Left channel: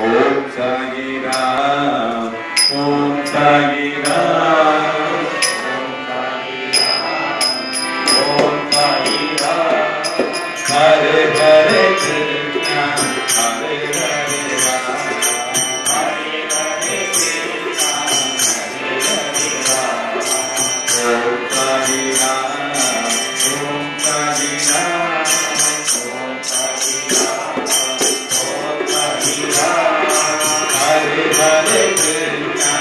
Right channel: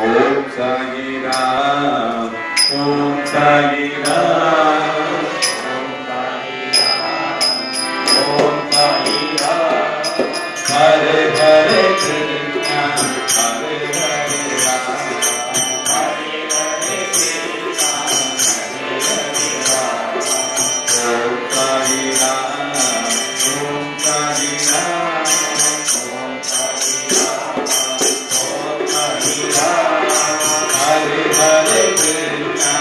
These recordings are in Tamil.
ஓம் சாயி ராம் ஓம் சாயி ராம் ஓம் சாயி ராம் ஹரே ஹரே கிருஷ்ணா ஹரே ஹரே ராம் ஹரே ஹரே கிருஷ்ணா ஹரே ஹரே ராம் ஓம் சாயி ராம் ஓம் சாயி ராம் ஓம் சாயி ராம் ஓம் சாயி ராம் ஹரே ஹரே கிருஷ்ணா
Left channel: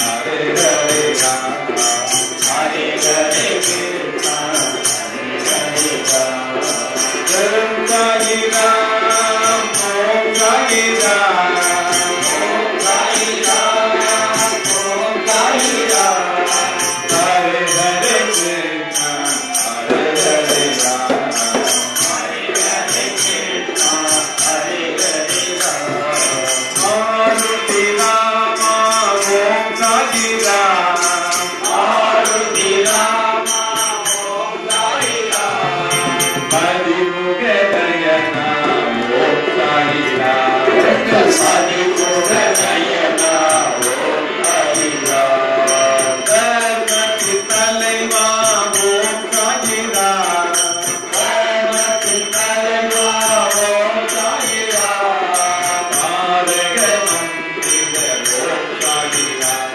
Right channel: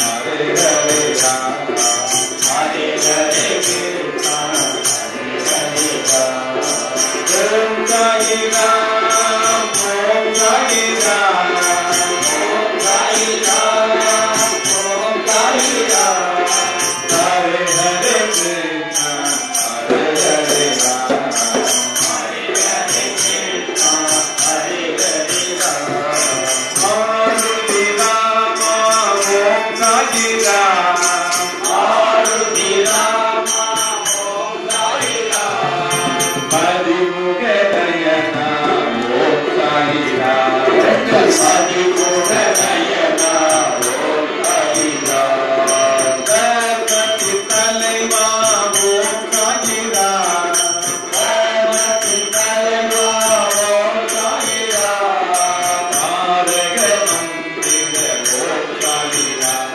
ஹரே ஹரே ராம் ஹரே ஹரே கிருஷ்ணா ஹரே ஹரே ராம் ஓம் சாயி ராம் ஓம் சாயி ராம் ஓம் சாயி ராம் ஓம் சாயி ராம் ஹரே ஹரே கிருஷ்ணா ஹரே ஹரே ராம் ஹரே ஹரே கிருஷ்ணா ஹரே ஹரே ராம் ஆருதி ராம ஓம் சாயி ராம் ஆருதி ராம ஓம் சாயி ராம் பதிமுக நயனா ஓம் சாயி ராம் பதிமுக நயனா ஓம் சாயி ராம் கர்மத்தி தலைவா ஓம் சாயி ராம் கர்மத்தி தலைவா ஓம் சாயி ராம் தாரக மந்திர ஓம் சாயி ராம்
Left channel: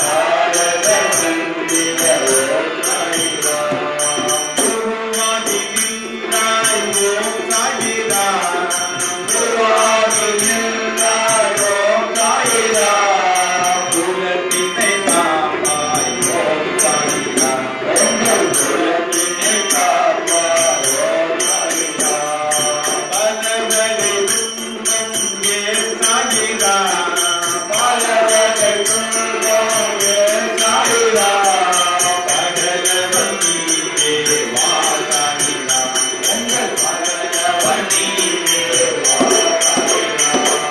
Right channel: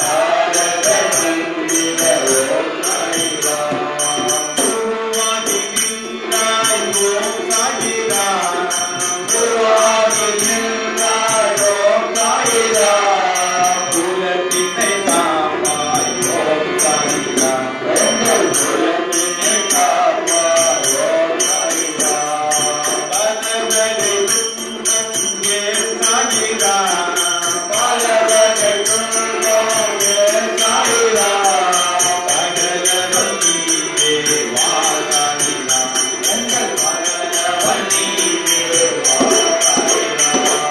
தாரக மந்திர ஓம் சாயி ராம் குருவாதி நின்றாய் ஓம் சாயி ராம் குருவாதி நின்றாய் ஓம் சாயி ராம் குலத்தினை காப்பாய் ஓம் சாயி ராம் குலத்தினை காப்பாய் ஓம் சாயி ராம் பலவகை துன்பம் ஏன் சாயி ராம் பலவகை துன்பம் ஏன் சாயி ராம் பகலவன் நீவே வா சாயி ராம் பகலவன் நீவே வா சாயி ராம்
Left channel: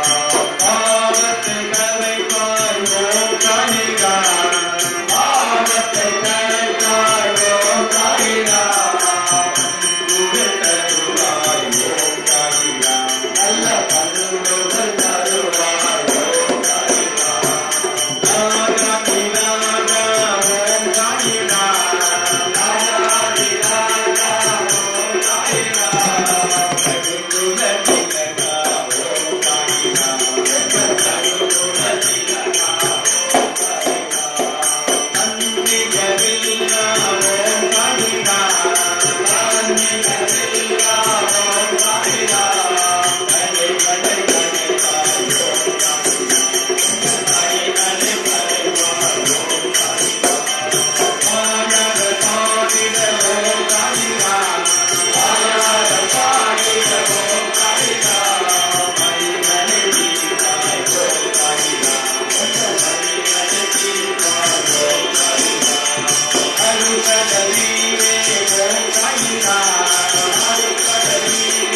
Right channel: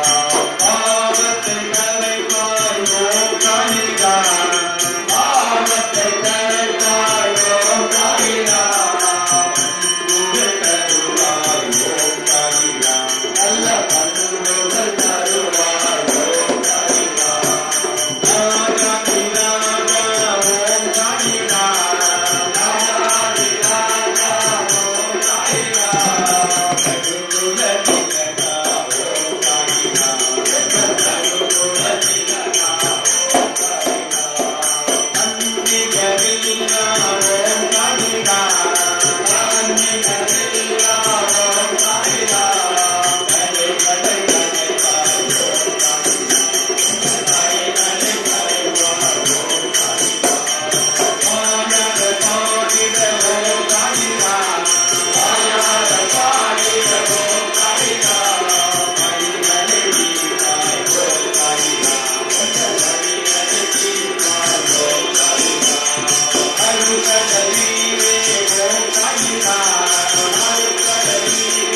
பாவத்தை களைப்பாய் ஓம் சாயி ராம் பாவத்தை களைப்பாய் ஓம் சாயி ராம் பண்புகள் தருவாய் ஓம் சாயி ராம் நல்ல பண்புகள் தருவாய் ஓம் சாயி ராம் ராஜாதி ராஜா ஓம் சாயி ராம் ராஜாதி ராஜா ஓம் சாயி ராம் பண்புகள் திகழா ஓம் சாயி ராம் பண்புகள் திகழா ஓம் சாயி ராம் நன்றி கரீனா ஓம் சாயி ராம் நன்றி கரீனா ஓம் சாயி ராம் ஹரே ஹரே ஹரே ராம் ஓம் சாயி ராம் ஹரே ஹரே ஹரே ராம் ஓம் சாயி ராம் ஆனந்த சாகித ஓம் சாயி ராம் ஆனந்த சாகித ஓம் சாயி ராம் ஹரே ஹரே கிருஷ்ணா ஓம் சாயி ராம் ஹரே ஹரே கிருஷ்ணா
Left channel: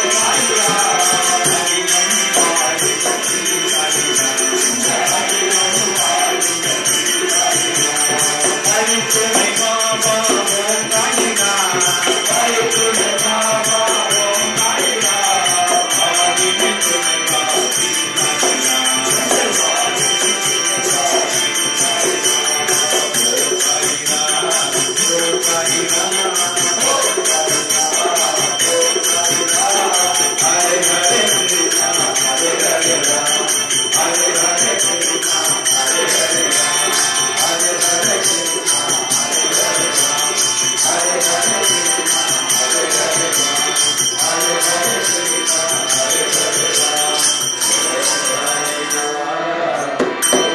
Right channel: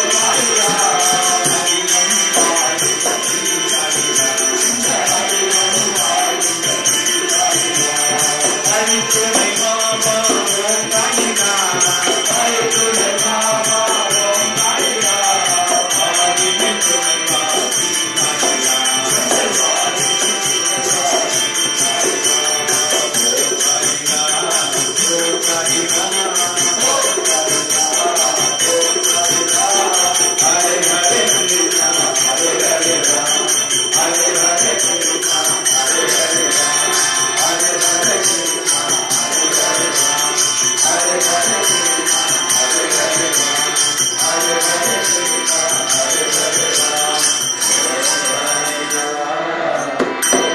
ஓம் சாயி ராம் ஹரி ஹரி ஓம் சாயி ராம் ஹரி ஹரி ஓம் சாயி ராம் ஹரி ஹரி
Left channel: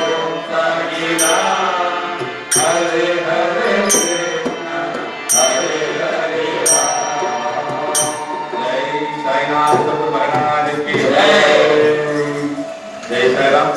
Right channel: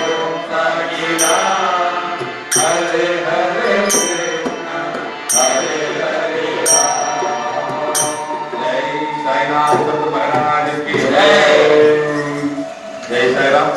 ஓம் சாயி ராம் साईनाथ महाराज की साईराम.